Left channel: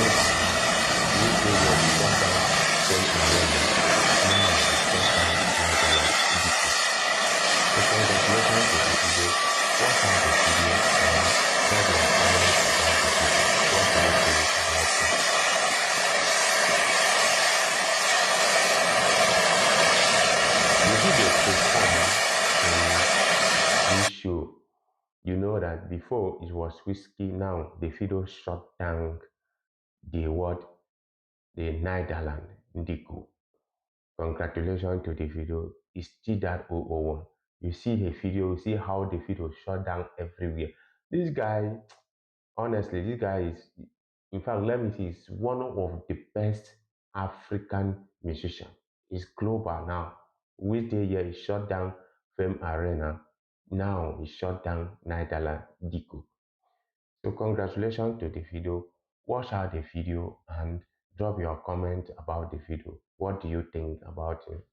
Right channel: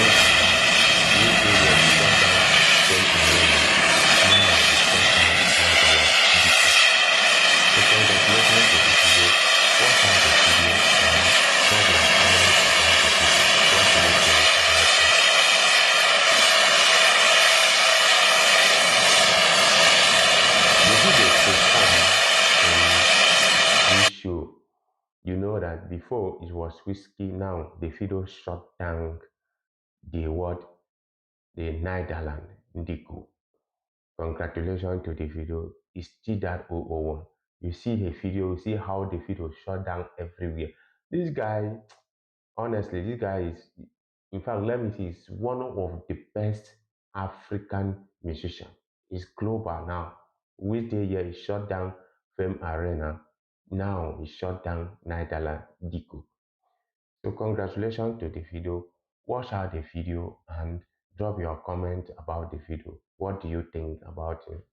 This area is shut down Fame Arena. Now it's shut down Nigeria Diko. So congratulations to the video. Watch out the video and drop your comment about the video. What do you think about it? The video performed in this show. You know that before it was Whiskey, now the video shut down the what the Netherland Ndiku. Congratulations to the video. It's still that 001. You see the video, you see how the video shut down everywhere. This guy, honestly, this guy is, in fact, let me see, he's one of the best African musicians. He's global now. Which day here he shut down Fame Arena. Now he shut down Netherland Diku. So congratulations to the video. Watch out the video and drop your comment about the video. What do you think about it?